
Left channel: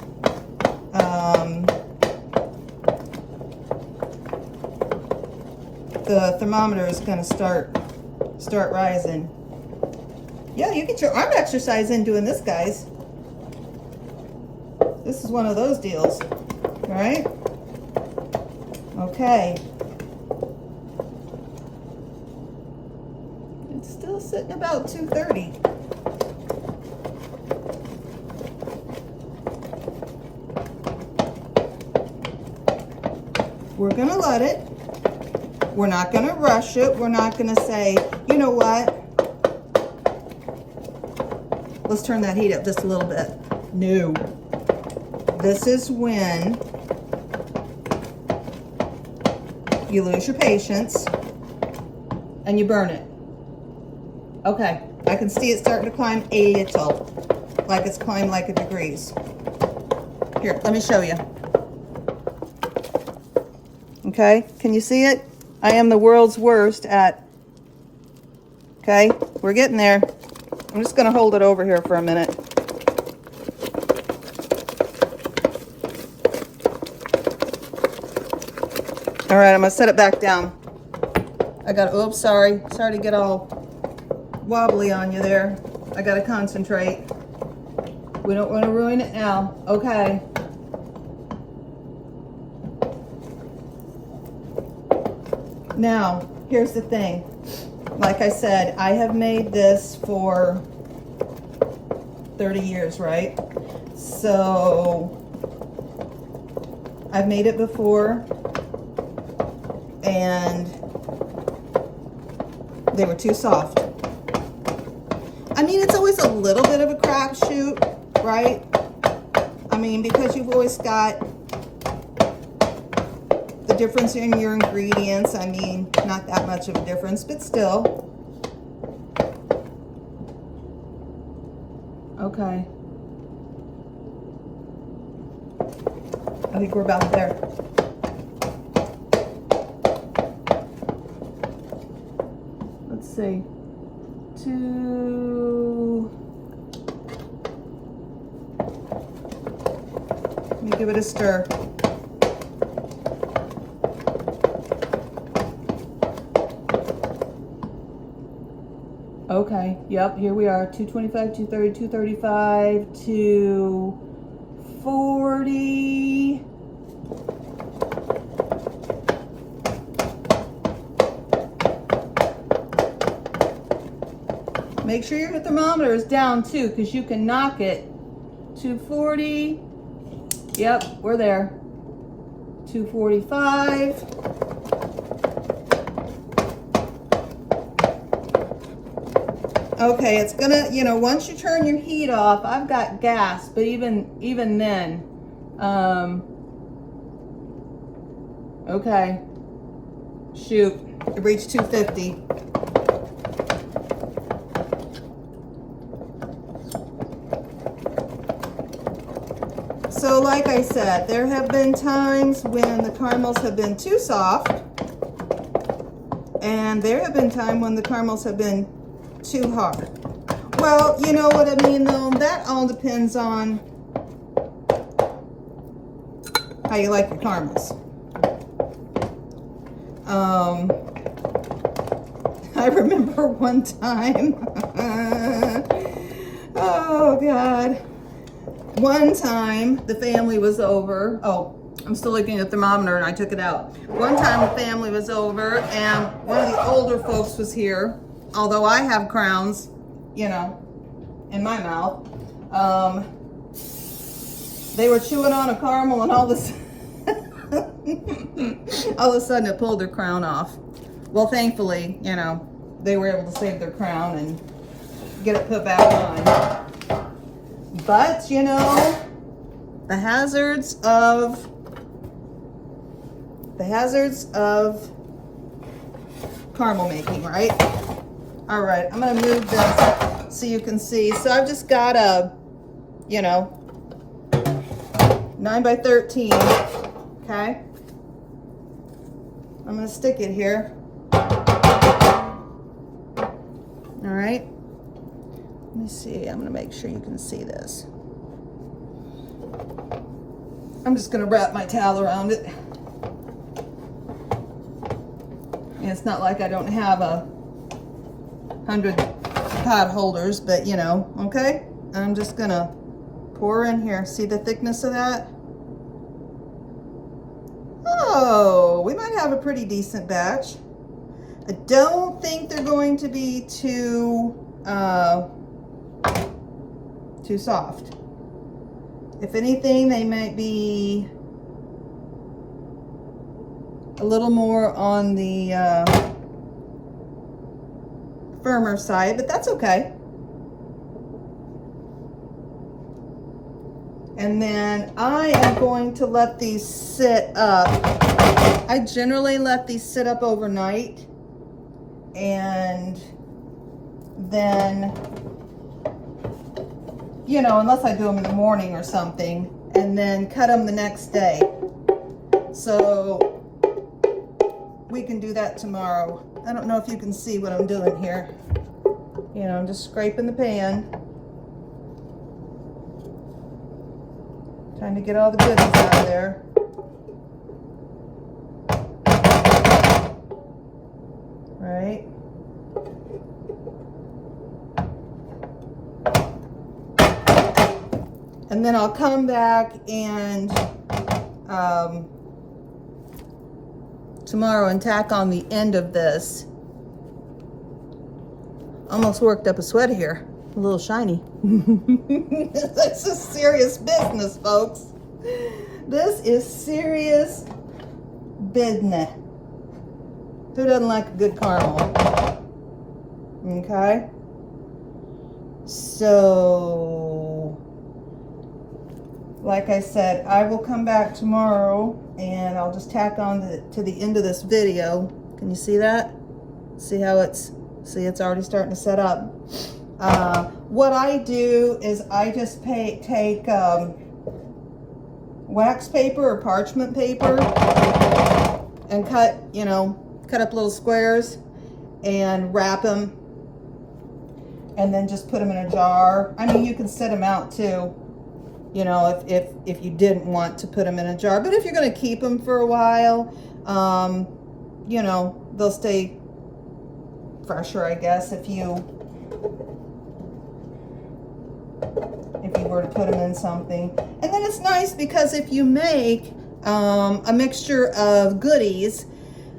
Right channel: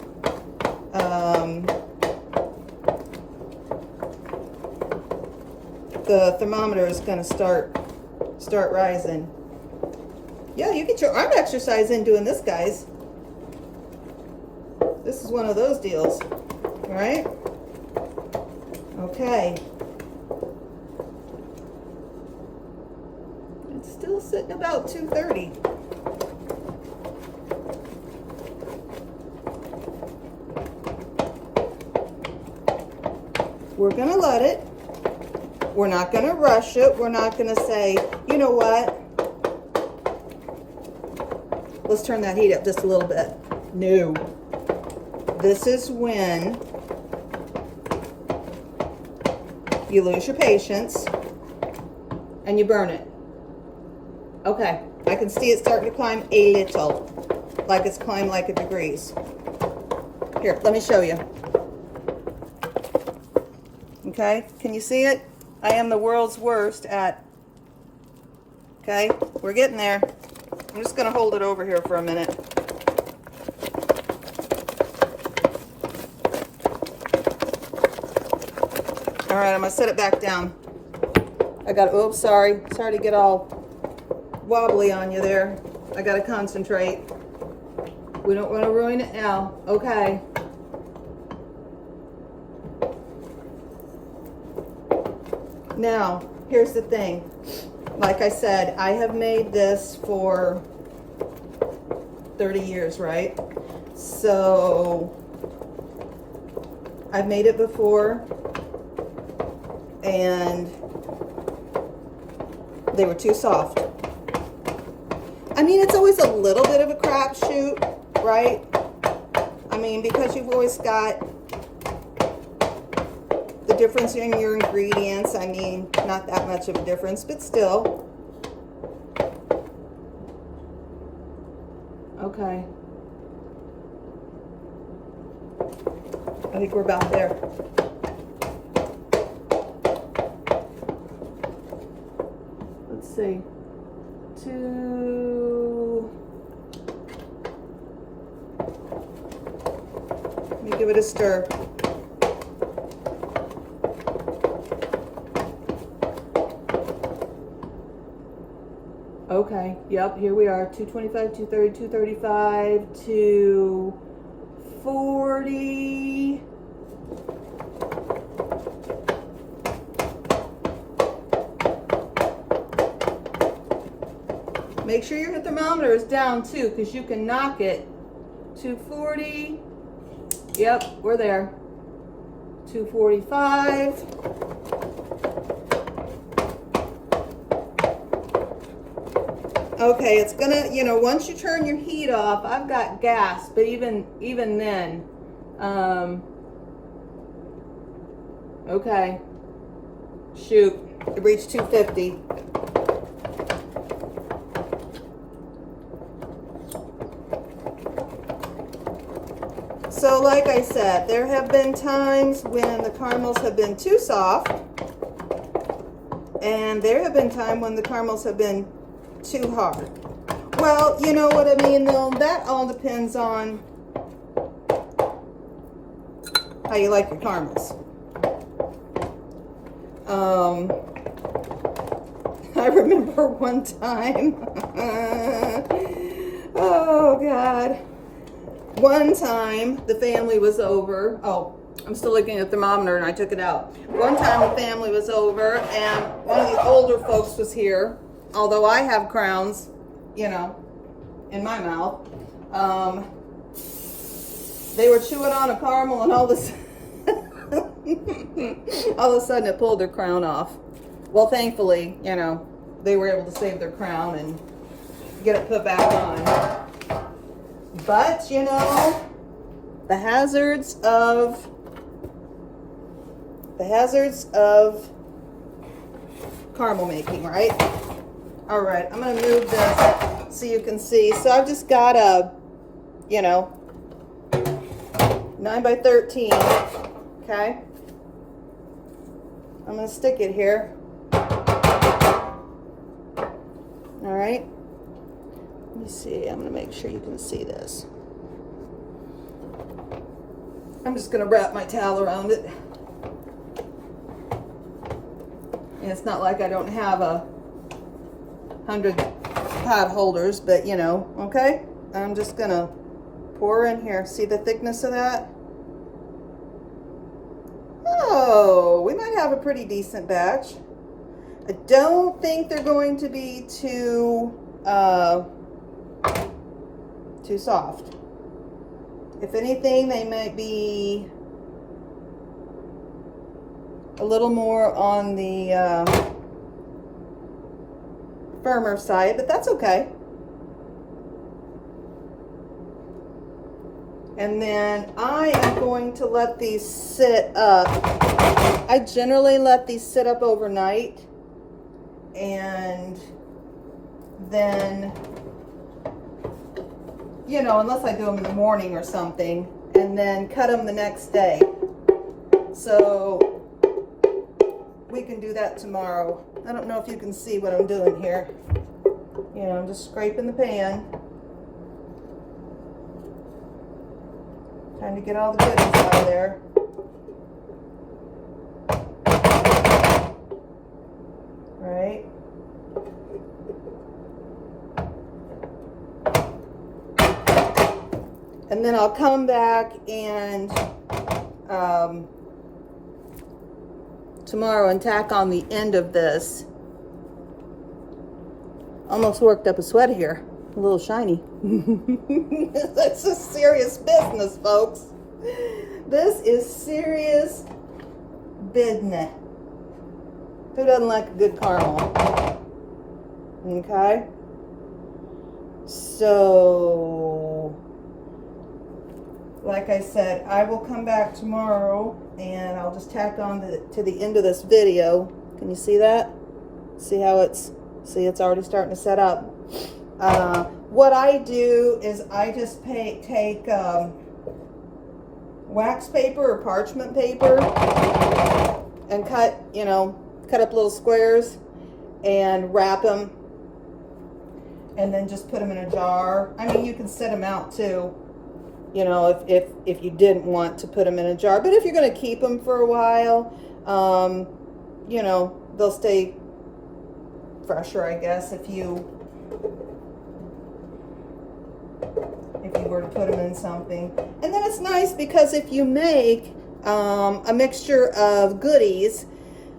the thermometer is going to start rising. Yeah, you get your arm exercise in doing this, guys. This is one of those deals, all right? Okay. It's still sitting about 230. We're gonna let it. We're not gonna rush it. We're not gonna say, you know what? Let's turn that heat up just a little bit. No. This is when you lose your patience and you burn it. Okay, I can see it starting to climb a little, like it's climbed like a degrees. Here, let me show you. Okay, can you see it? I am the world's worst at, okay, we're getting there. I'm just gonna hold it over here for a minute. All right, I'm gonna set it back down. I got, oops, sorry to get all wobbly on you there. I gotta concentrate. We don't wanna ruin it now. Okay. Now, here's the thing. Like I said, I have made this for 30 years, right? So, I've made it before, and they were too soft. I mean, it's always a little bit of a crapshoot, right? I mean, because you've always got the difference in your ingredients. I mean, not that much of a difference, but still. Okay. I think we're about there. Let's see. Let me give it a stir. Okay, yep, here we are. 225, 230, 235, 240. Make sure your thermometer is down too, because you can knock it. 240. Yep, we're there. 245. Okay, it's gonna, you know, once you turn your heat off, I've got gas, but even then, okay, shoot, it reached 250. So like I said, there have been times when the caramels have been too soft, and there have been times when the caramels have been too hard. Well, you know what I mean, though, that all depends on how you like your caramels. I remember one time, oh God, one time the family was over. Oh, I'm still looking at the thermometer and I took it out. One time the family was over and one of the older folks was here. Although I have crowns, you know, in my mouth. They were chewing on a caramel and all of a sudden it pulled their crown off. Well, thankfully, you know, they were able to save their crown and get it put back on. But, you know, the hazards of caramel making, right? All right, I'm gonna move this so you can see. So I've just got a, you know, 9 by 13, okay? I'm gonna stick it here. All right, let me see, I'm gonna make sure you can see this. I'm just gonna wrap my towel around it. And it's not like I don't have 100 pot holders, but you know, okay? I'm just gonna pour in here. See the thickness of that? Oh, we might have a pretty decent batch. I don't think they're going to be too soft. If anything, they might be a little more on the firmer side, but that's okay. And then I am going to let these sit up. I generally let these sit up overnight, and then, you know, unless I do them in the morning or something, and then cut them the next day. So we can do that tomorrow. I don't know if you can see what I'm doing here. You know, I'm just scraping the pan. Trying to get all the goodies out of there. All right. And then I'll come back and tomorrow and tack on the end of this. Almost worked up a sweat here. A little shiny. This is serious business, folks. This is serious business. Who doesn't like a good caramel? Okay. So, like I said, I will come back tomorrow and I'll just tack on to the end of this video. Can you see that? See how it's already starting to set up. What I do is I just take wax paper or parchment paper and cut up little squares and wrap them, and then just put them in a jar. I mean, you can set them out too, you know, if you didn't want to put them in a jar. But if you're going to keep them for a while, you know, they'll stay fresher, I guess, if you were to put them in something. And then it's nice because if you make a mixture of goodies,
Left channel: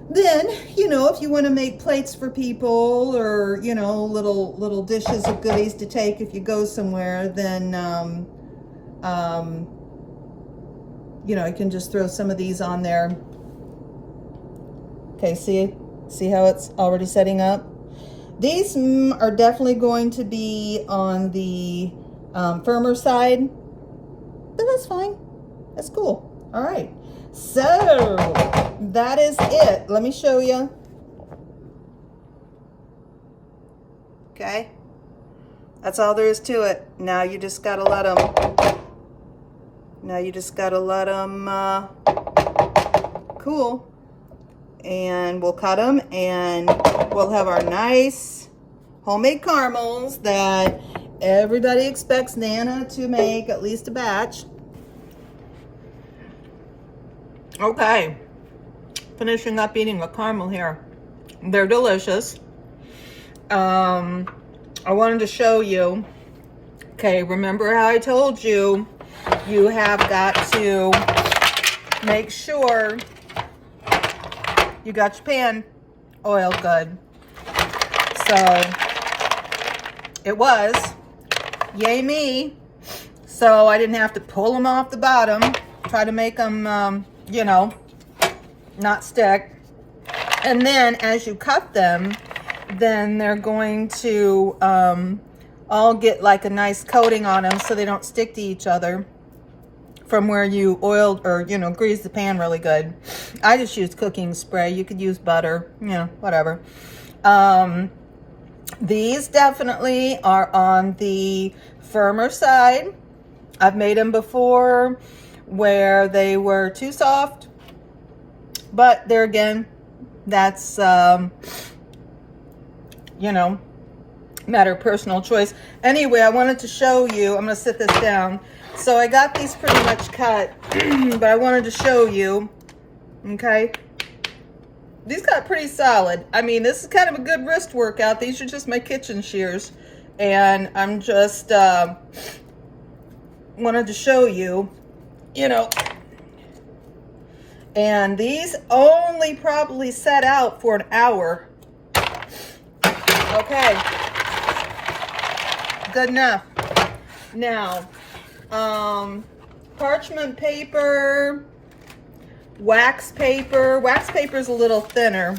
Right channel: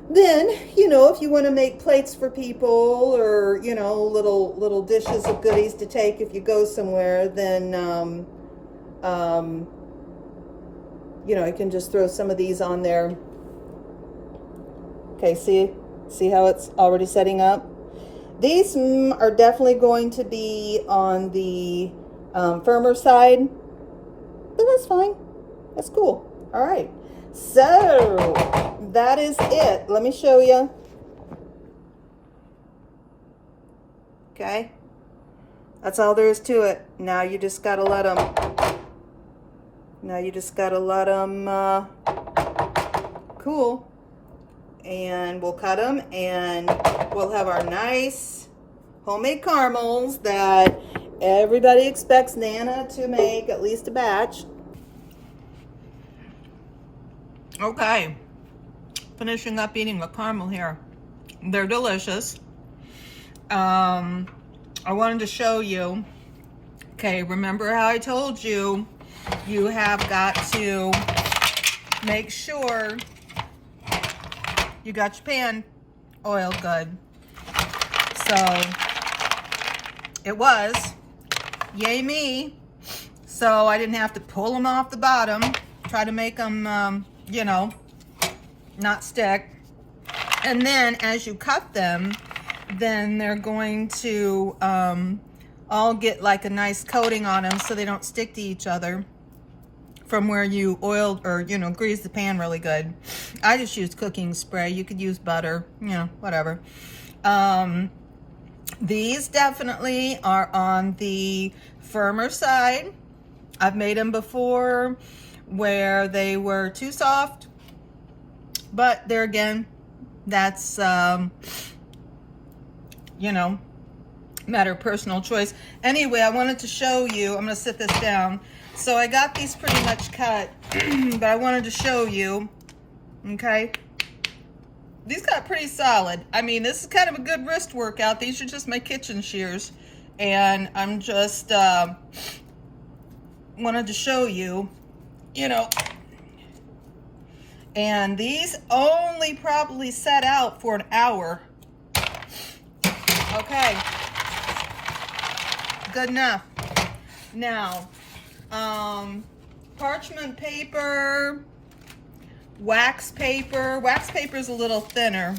then, you know, if you want to make plates for people, or, you know, little dishes of goodies to take if you go somewhere, then you know, you can just throw some of these on there. Okay, see how it's already setting up? These are definitely going to be on the firmer side, but that's fine. That's cool. All right. So that is it. Let me show you. Okay. That's all there is to it. Now you just got to let them cool. And we'll cut them, and we'll have our nice homemade caramels that everybody expects Nana to make at least a batch. Okay, finishing up eating the caramel here. They're delicious. I wanted to show you. Okay, remember how I told you, you have got to make sure you got your pan oiled good. So it was, yay me. So I didn't have to pull them off the bottom, try to make them, you know, not stick. And then as you cut them, then they're going to all get like a nice coating on them so they don't stick to each other from where you oiled or, you know, greased the pan really good. I just use cooking spray. You could use butter, you know, whatever. These definitely are on the firmer side. I've made them before where they were too soft, but there again, that's, you know, matter of personal choice. Anyway, I wanted to show you, I'm going to sit this down. So I got these pretty much cut, but I wanted to show you, okay? These got pretty solid. I mean, this is kind of a good wrist workout. These are just my kitchen shears. And I'm just wanted to show you, you know. And these only probably set out for an hour. Okay. Good enough. Now, parchment paper, wax paper. Wax paper is a little thinner,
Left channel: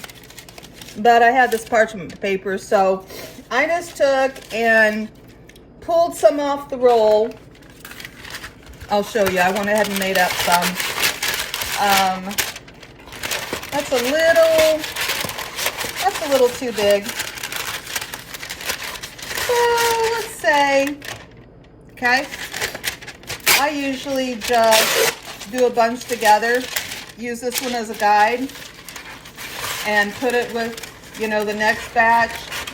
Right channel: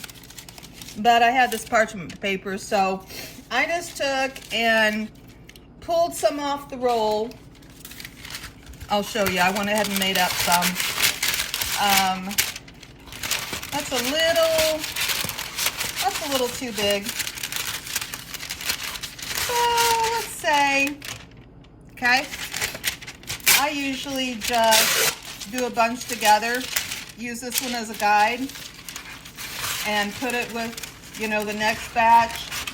but I had this parchment paper, so I just took and pulled some off the roll. I'll show you. I went ahead and made up some. That's a little too big. way. Okay. I usually just do a bunch together. Use this one as a guide and put it with, you know, the next batch.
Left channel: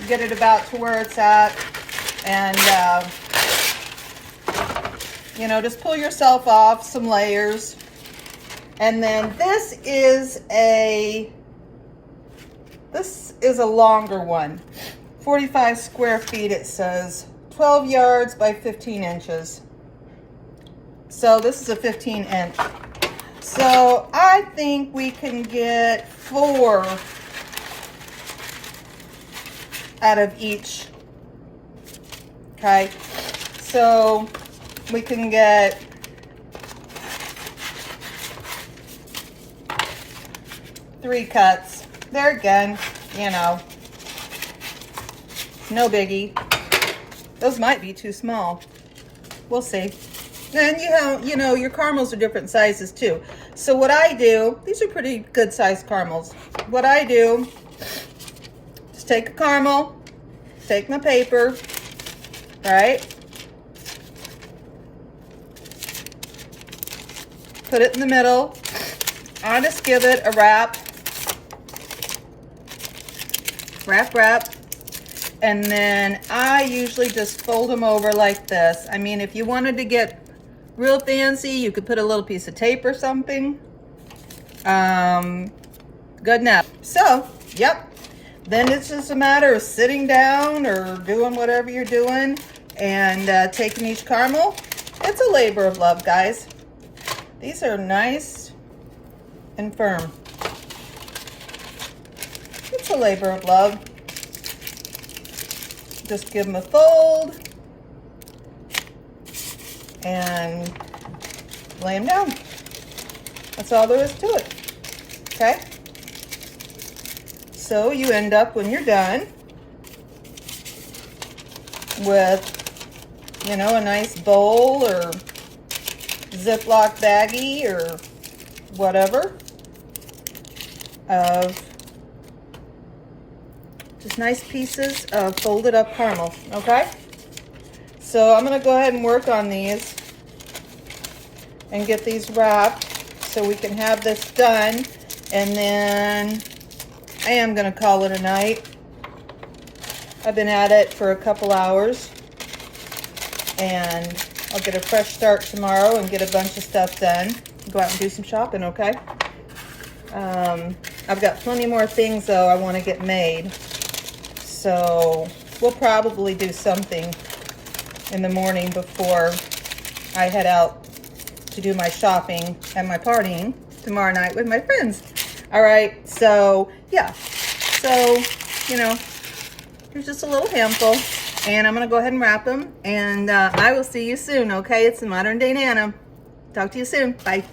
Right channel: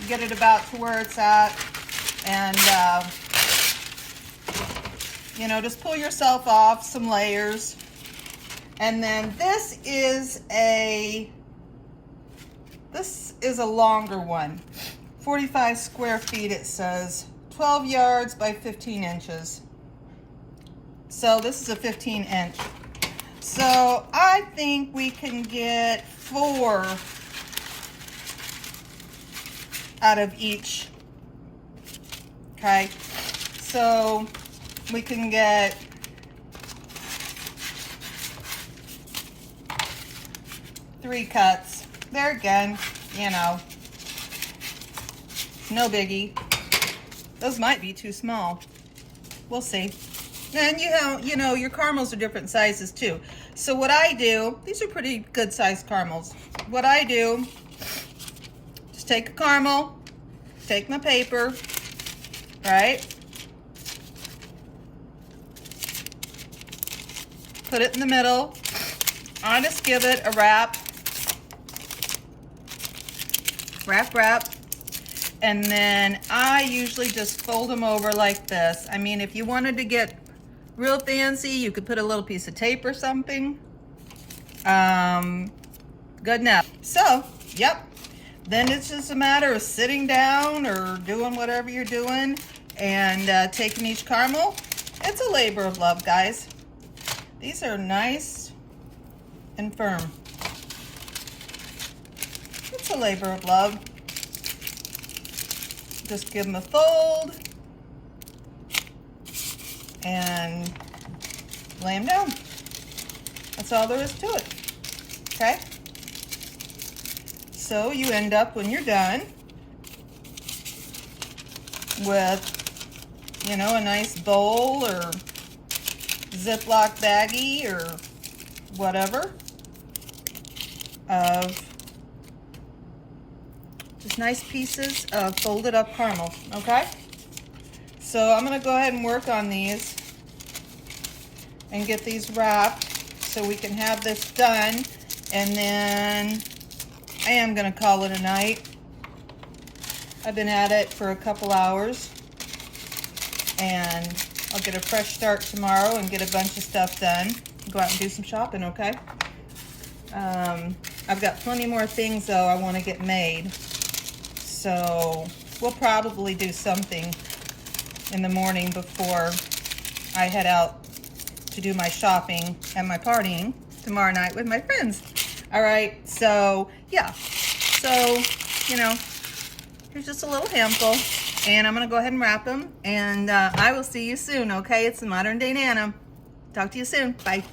Get it about to where it's at, and you know, just pull yourself off some layers. And then this is a longer one, 45 square feet. It says 12 yards by 15 inches. So this is a 15 inch. So I think we can get 4 out of each. Okay, so we can get 3 cuts. There again, you know, no biggie. Those might be too small. We'll see. And you know, your caramels are different sizes too. So what I do, these are pretty good sized caramels. What I do, just take a caramel, take my paper, right? Put it in the middle. I just give it a wrap. Wrap. And then I usually just fold them over like this. I mean, if you wanted to get real fancy, you could put a little piece of tape or something. Good enough. So, yep. Then it's just a matter of sitting down or doing whatever you're doing and taking each caramel. It's a labor of love, guys. These are nice and firm. It's a labor of love. Just give them a fold and lay them down. That's all there is to it. Okay? So you end up, when you're done, with, you know, a nice bowl or Ziploc baggie or whatever of just nice pieces of folded up caramel. Okay? So I'm going to go ahead and work on these and get these wrapped so we can have this done, and then I am going to call it a night. I've been at it for a couple hours, and I'll get a fresh start tomorrow and get a bunch of stuff done. Go out and do some shopping, okay? I've got plenty more things, though, I want to get made. So we'll probably do something in the morning before I head out to do my shopping and my partying tomorrow night with my friends. All right, so yeah. So, you know, here's just a little handful, and I'm going to go ahead and wrap them, and I will see you soon, okay? It's the Modern Day Nana. Talk to you soon. Bye.